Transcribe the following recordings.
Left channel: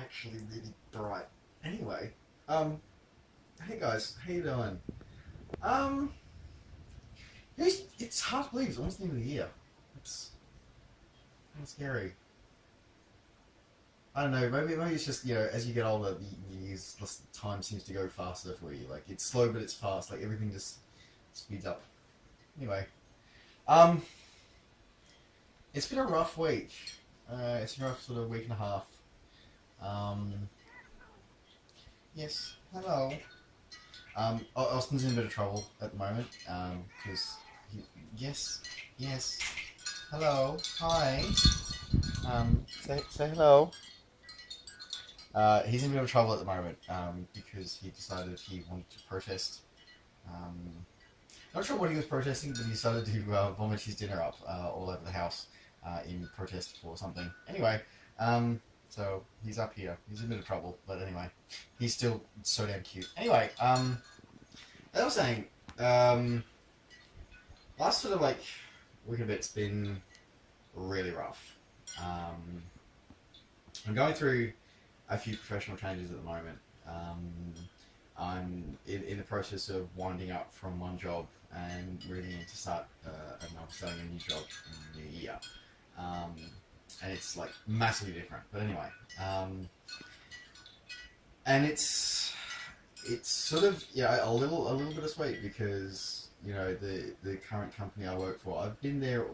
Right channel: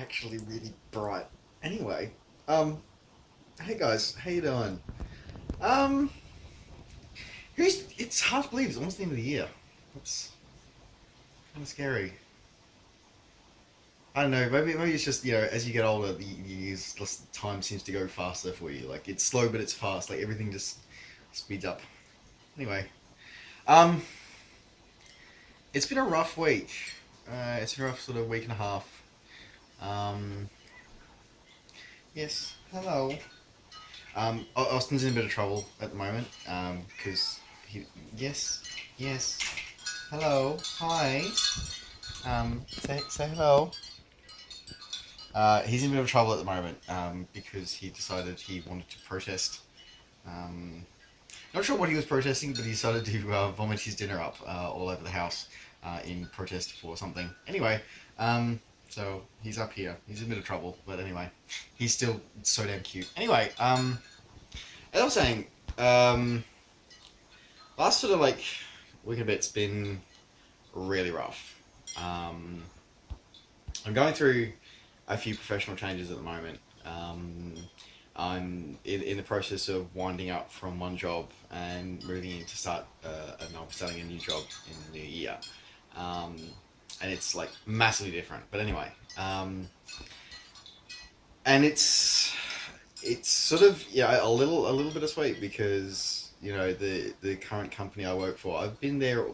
actually really bright. Anyway, um, hey guys, how you doing? Um, it's hard to believe it's almost the end of the year. It's kind of scary. I don't know. Maybe it's just as you get older, the years time seems to go faster for you. Like it's slow, but it's fast. Like everything just speeds up. Anyway, um, it's been a rough week. It's been a rough sort of week and a half. Um, yes. Hello. Austin's in a bit of trouble at the moment because he. Yes, yes. Hello, hi. Say hello. He's in a bit of trouble at the moment because he decided he wanted to protest. Um, Not sure what he was protesting, but he decided to vomit his dinner up all over the house in protest for something. Anyway, so he's up here. He's in a bit of trouble, but anyway, he's still so damn cute. Anyway, as I was saying, um, last sort of like week and a bit's been really rough. Um, I'm going through a few professional changes at the moment. I'm in the process of winding up from one job and moving in to start and I'm starting a new job in the new year. Um, and it's like massively different. But anyway, and it's sort of a little bittersweet because the current company I work for, I've been there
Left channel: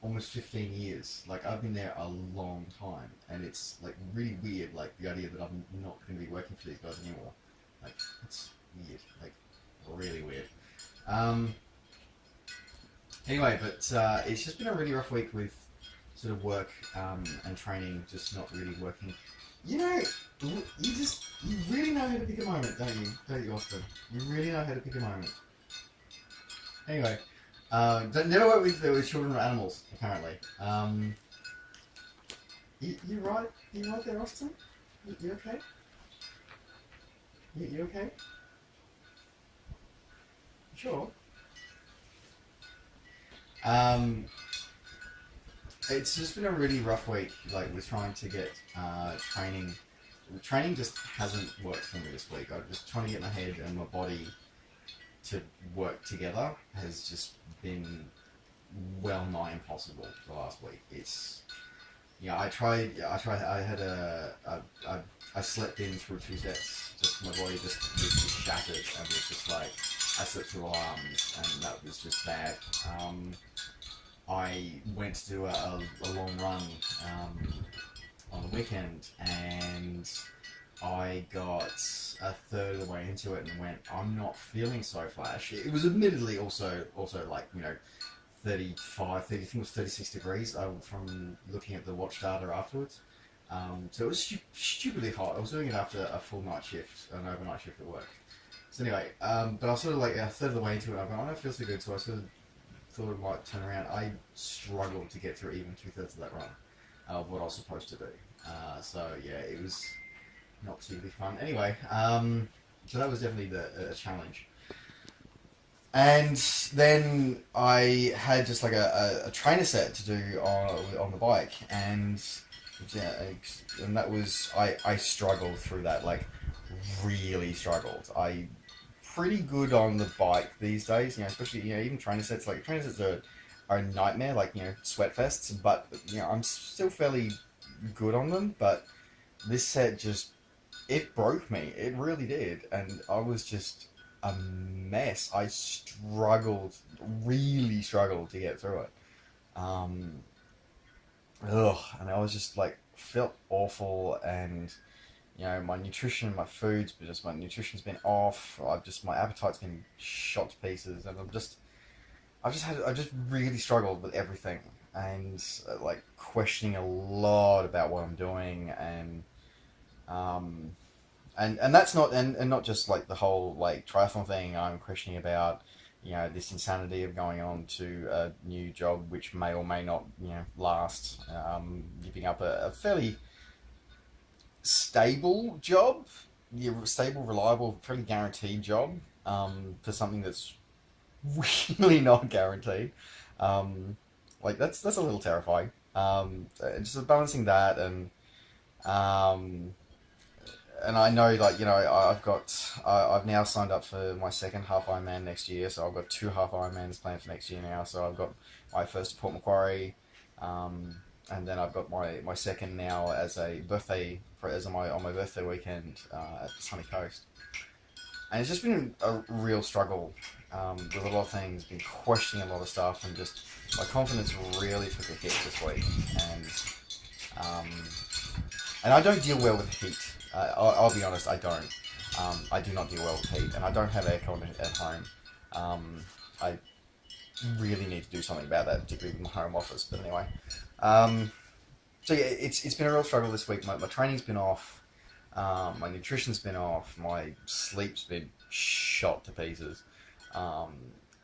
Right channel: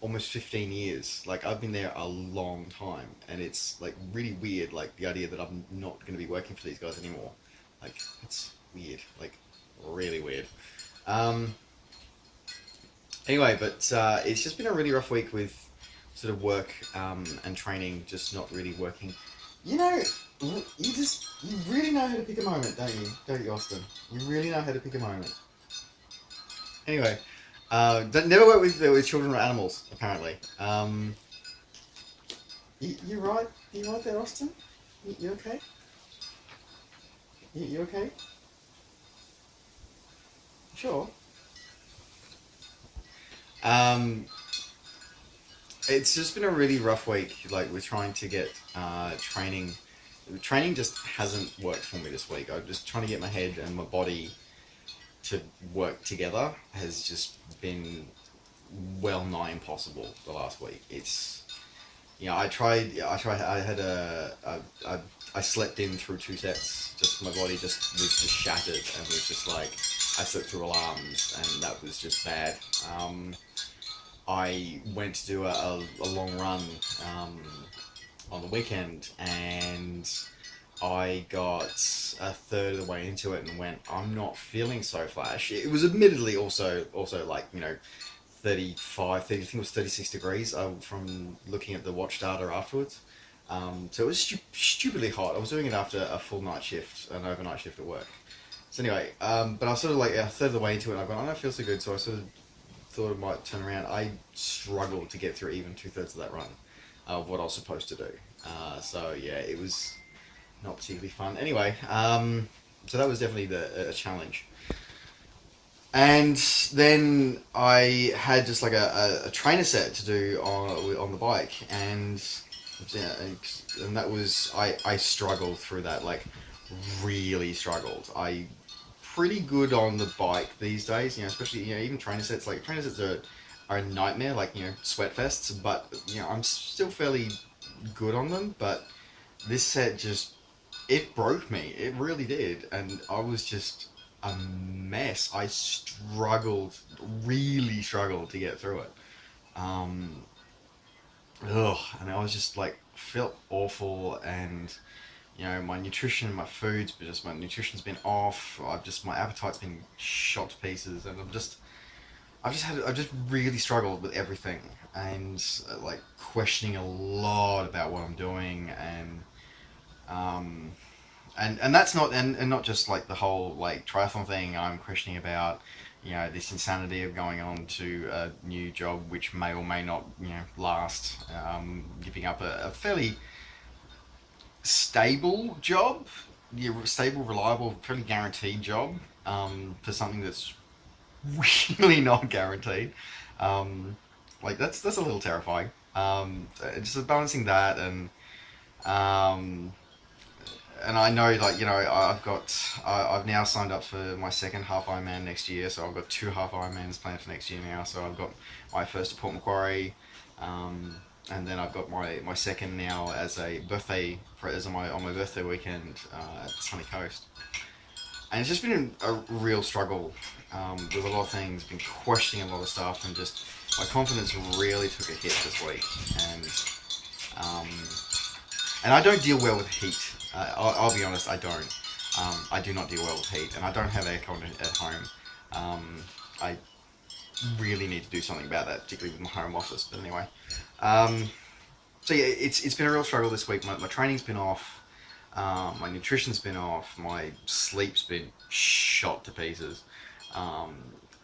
almost 15 years. Like I've been there a long time, and it's like really weird. Like the idea that I'm not going to be working for these guys anymore. Like it's weird. Like really weird. Um, anyway, but it's just been a really rough week with sort of work and training just not really working. You know, you really know how to pick a moment, don't you? Don't you, Austin? You really know how to pick a moment. Anyway, never work with children or animals. Apparently, you right? You right there, Austin? You okay? You okay? Sure. Um, it's just been a really rough week. Like we're trying to get training. Training just hasn't worked for me this week. I'm just trying to get my head and my body to work together has just been well nigh impossible the last week. It's I had I slept in through two sets. Just my body just was just shattered and was just like I slept through alarms and that was just bad. I went to do a long run on the weekend and I got a third of the way into it and went, I'm not feeling so flash. It was admittedly also like 35, 30, I think it was 36 degrees from looking at the watch data afterwards. So it was stupidly hot. I was doing it after a full night shift, an overnight shift at work. So anyway, but I was sort of like a third of the way into it and I went, I don't feel so good, so I sort of thought I might turn around. I struggled to get through even two-thirds of that run of what I was supposed to do. So yeah, it was not particularly fun. Anyway, so that was definitely a challenge. And then I had just like a trainer set to do on the bike, and yeah, and that was I struggled through that, like really struggled. I pretty good on the bike these days, especially even trainer sets. Like trainer sets are a nightmare, like sweat fests. But I'm still fairly good on them. But this set just it broke me. It really did, and I was just a mess. I struggled, really struggled to get through it. Um, and I was just like felt awful, and my nutrition, my foods, but just my nutrition's been off. My appetite's been shot to pieces, and I've just really struggled with everything, and like questioning a lot about what I'm doing, um, and that's not and not just like the whole like triathlon thing. I'm questioning about this insanity of going on to a new job which may or may not last. Giving up a fairly stable job, stable, reliable, fairly guaranteed job for something that's really not guaranteed. Like that's a little terrifying. Just balancing that and Um, and I know, like, I've now signed up for my second half Ironman next year, so I've got two half Ironmans planned for next year now. So I've got my first at Port Macquarie, um, and then I've got my second now as a birthday as on my birthday weekend at the sunny coast. And it's just been a real struggle with a lot of things. Been questioning a lot of stuff, and just my confidence really took a hit this week. And um, and I don't deal well with heat. I'll be honest, I don't. I do not deal well with heat, and I don't have aircon at home. I really need to do something about that, particularly with my home office. But anyway, um, so yeah, it's been a real struggle this week. My training's been off. My nutrition's been off. My sleep's been shot to pieces. Um,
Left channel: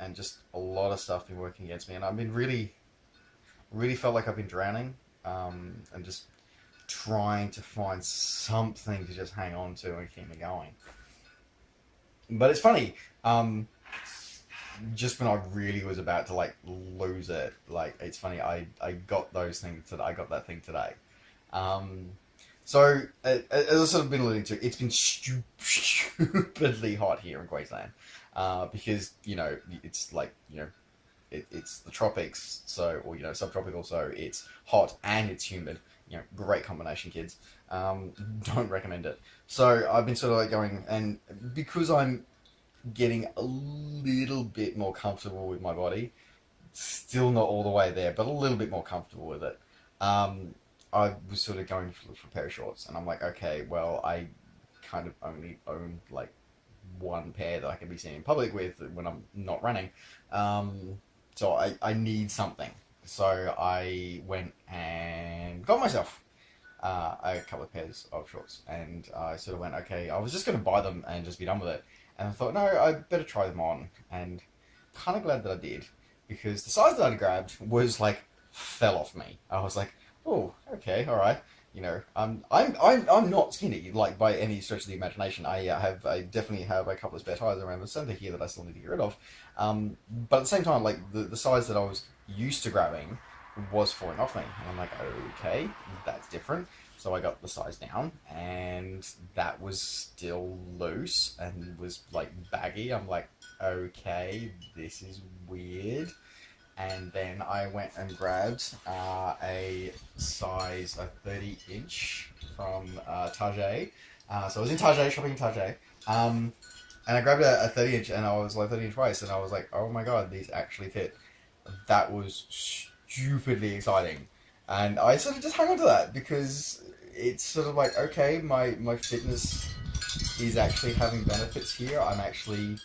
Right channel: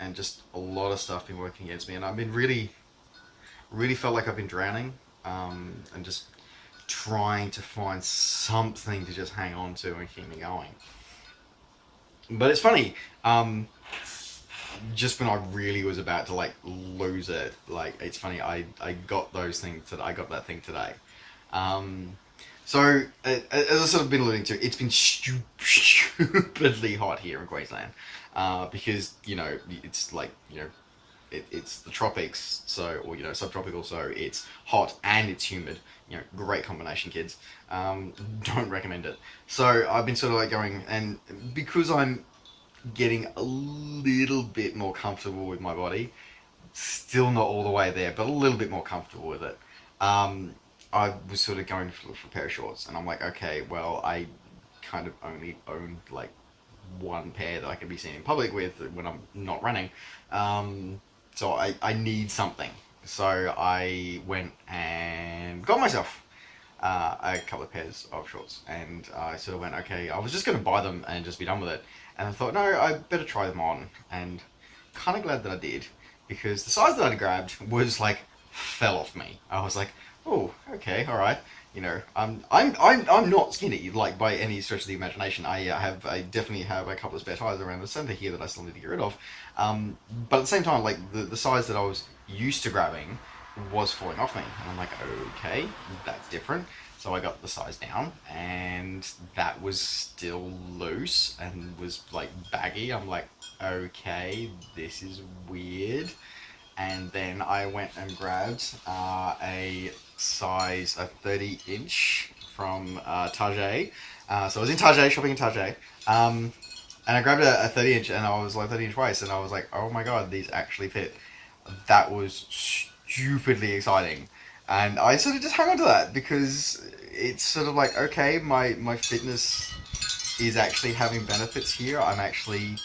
and just a lot of stuff been working against me. And I've been really felt like I've been drowning. And just trying to find something to just hang on to and keep me going. But it's funny. Just when I really was about to like lose it, like it's funny. I got those things that I got that thing today. Um, So, as I've sort of been alluding to, it's been stupidly hot here in Queensland. Because, it's like, it's the tropics, so, or, subtropical, so it's hot and it's humid. Great combination, kids. Don't recommend it. So, I've been sort of like going, and because I'm getting a little bit more comfortable with my body, still not all the way there, but a little bit more comfortable with it. Um, I was sort of going for a pair of shorts, and I'm like, okay, well, I kind of only own like one pair that I can be seen in public with when I'm not running. So I need something. So I went and got myself a couple of pairs of shorts, and I sort of went, okay, I was just going to buy them and just be done with it. And I thought, no, I better try them on, and kind of glad that I did, because the size that I grabbed was like fell off me. I was like, oh, okay, all right. I'm not skinny like by any stretch of the imagination. I definitely have a couple of spare tires around the center here that I still need to get rid of. But at the same time, like the size that I was used to grabbing was falling off me, and I'm like, okay, that's different. So I got the size down, and that was still loose and was like baggy. I'm like, okay, this is weird. And then I went and grabbed a 30 inch from Target. So I was in Target, shopping in Target. And I grabbed a 30 inch, and I was like 30 inch waist, and I was like, oh my god, these actually fit. That was stupidly exciting. And I sort of just hung on to that, because it's sort of like, okay, my fitness is actually having benefits here. I'm actually,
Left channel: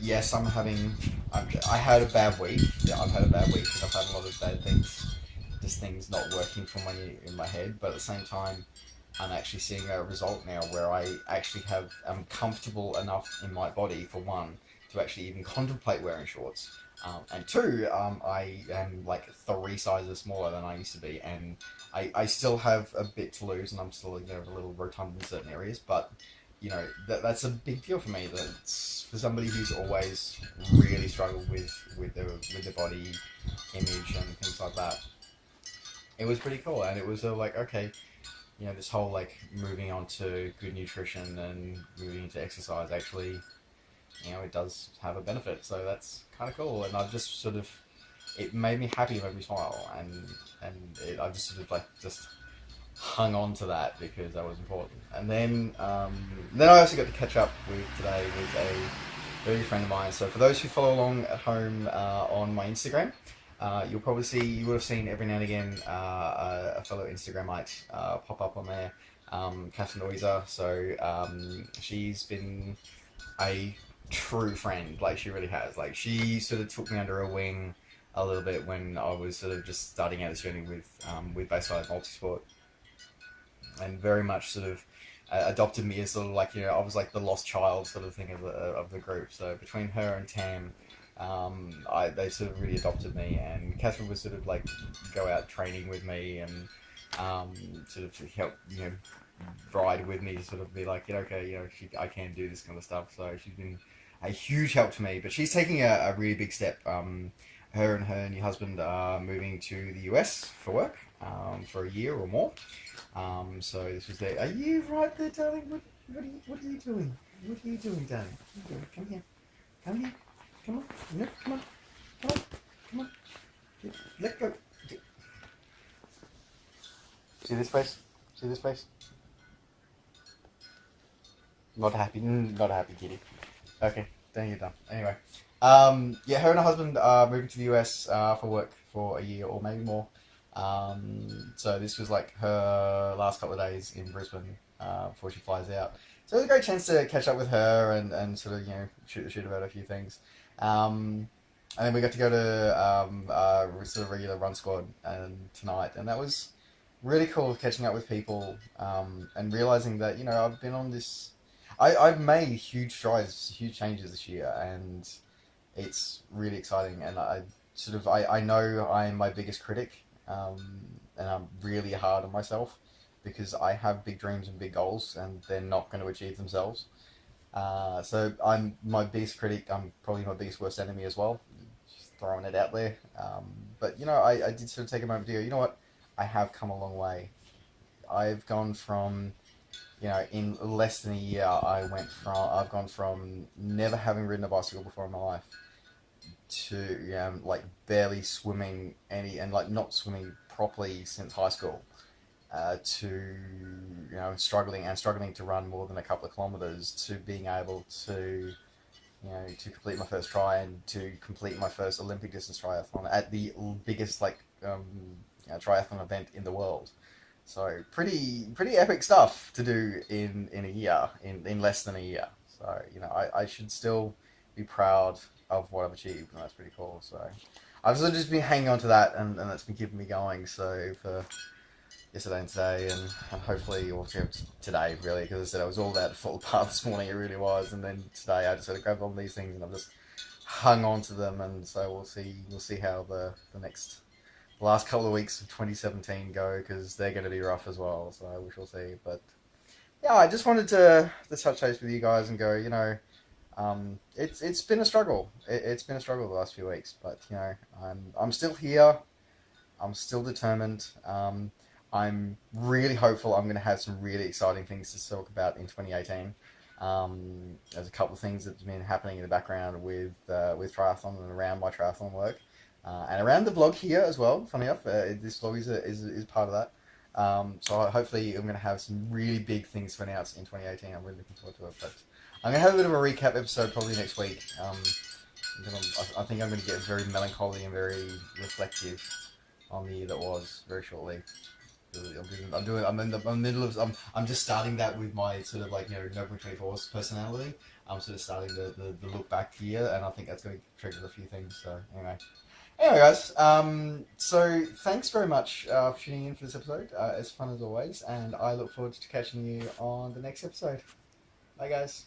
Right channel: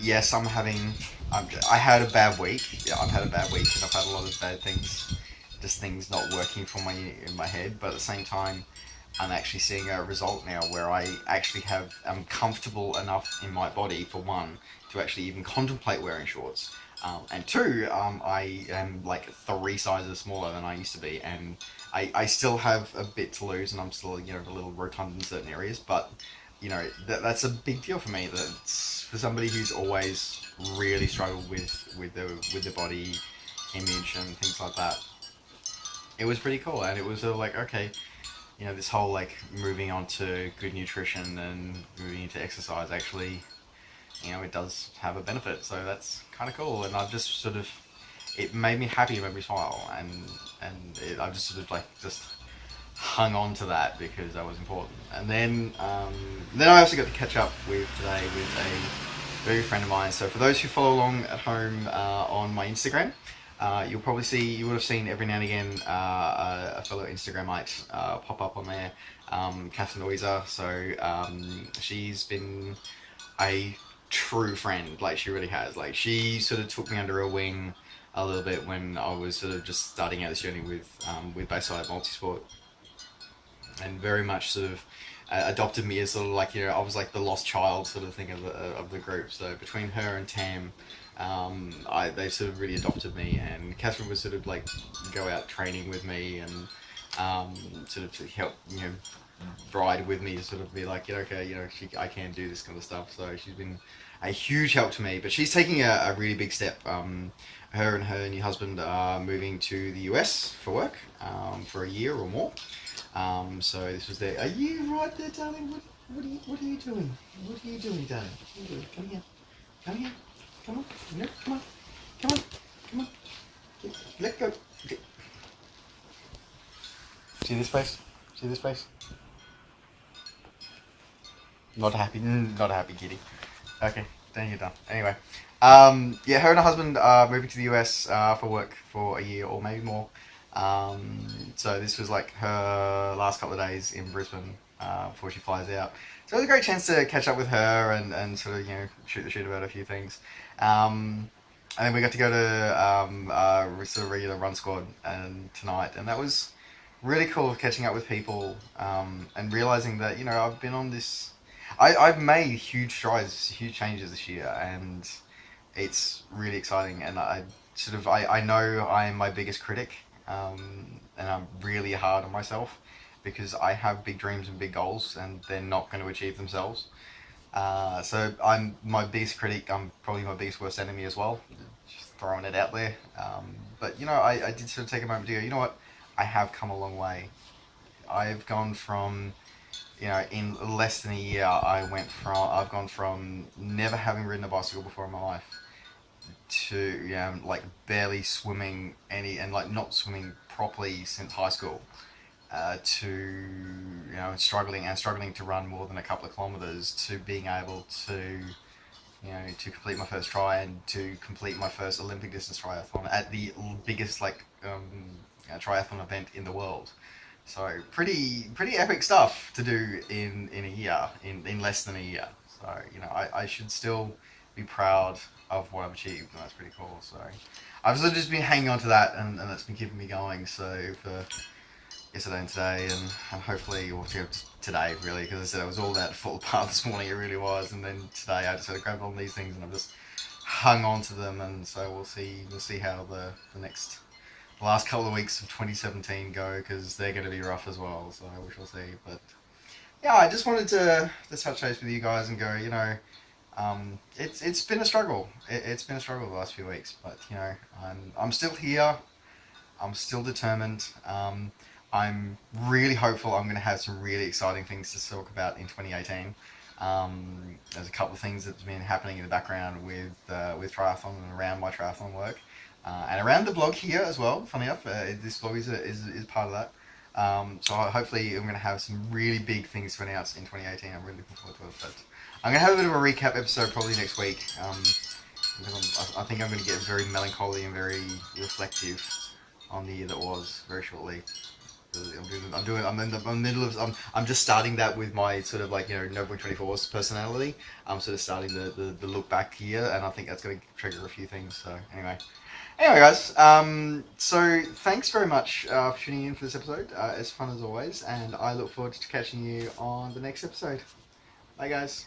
yes, I had a bad week. Yeah, I've had a bad week, and I've had a lot of bad things, just things not working for me in my head. But at the same time, I'm actually seeing a result now where I'm comfortable enough in my body, for one, to actually even contemplate wearing shorts. And two, I am like 3 sizes smaller than I used to be, and I still have a bit to lose, and I'm still, a little rotund in certain areas, but that's a big deal for me. That's for somebody who's always really struggled with the body image and things like that. It was pretty cool, and it was like, okay, this whole like moving on to good nutrition and moving into exercise actually, it does have a benefit. So that's kind of cool, and I've just sort of, it made me happy, it made me smile, I've just sort of like just hung on to that because that was important. And then I also got to catch up with today with a very good friend of mine. So for those who follow along at home on my Instagram, you would have seen every now and again a fellow Instagramite pop up on there, Catherine Louisa. So she's been a true friend, like she really has. Like she sort of took me under her wing a little bit when I was sort of just starting out this journey with Bayside Multisport, and very much sort of adopted me as sort of like, I was like the lost child sort of thing of the group. So between her and Tam, they sort of really adopted me, and Catherine would sort of like go out training with me, and sort of to help stride with me to sort of be like, okay, I can do this kind of stuff. So she's been a huge help to me. But she's taking a really big step. Her and her new husband are moving to the US for work for a year or more. So this was their. Are you right there, darling? What are you doing? What are you doing, darling? Come here. Come here. Come on. No, come on. Come on. Come on. Let go. Okay. See this face? See this face? Not happy. Not a happy kitty. Okay, then you're done. Anyway, yeah, her and her husband are moving to the US for work for a year or maybe more. So this was like her last couple of days in Brisbane before she flies out. So it was a great chance to catch up with her and sort of shoot the shit about a few things. And then we got to go to sort of regular run squad tonight, and that was really cool catching up with people and realizing that I've been on this. I've made huge strides, huge changes this year, and it's really exciting. And I know I'm my biggest critic, and I'm really hard on myself because I have big dreams and big goals, and they're not going to achieve themselves. So I'm my biggest critic. I'm probably my biggest worst enemy as well. Just throwing it out there. But I did sort of take a moment to go, you know what? I have come a long way. I've gone from, in less than a year, I've gone from never having ridden a bicycle before in my life to, like barely swimming and like not swimming properly since high school, to, struggling to run more than a couple of kilometers, to being able to, to complete my first try and to complete my first Olympic distance triathlon at the biggest triathlon event in the world. So pretty epic stuff to do in a year, in less than a year. So I should still be proud of what I've achieved, and that's pretty cool. So I've sort of just been hanging on to that, and that's been keeping me going. So for yesterday and today, and hopefully today really, because I said I was all that to fall apart this morning. It really was, and then today I just had to grab on these things, and I've just hung on to them, and so we'll see how the last couple of weeks of 2017 go, because they're going to be rough as well. So we shall see. But yeah, I just wanted to touch base with you guys and go, it's been a struggle. It's been a struggle the last few weeks, but I'm still here. I'm still determined. I'm really hopeful I'm going to have some really exciting things to talk about in 2018. There's a couple of things that's been happening in the background with triathlon and around my triathlon work, and around the blog here as well. Funny enough, this blog is part of that. So hopefully I'm going to have some really big things to announce in 2018. I'm really looking forward to it. But I'm going to have a bit of a recap episode probably next week. I think I'm going to get very melancholy and very reflective on the year that was very shortly. I'm just starting that with my sort of like Notebook 24's personality. I'm sort of starting the look back here, and I think that's going to trigger a few things. So anyway, guys. So thanks very much for tuning in for this episode. It's fun as always, and I look forward to catching you on the next episode. Bye, guys.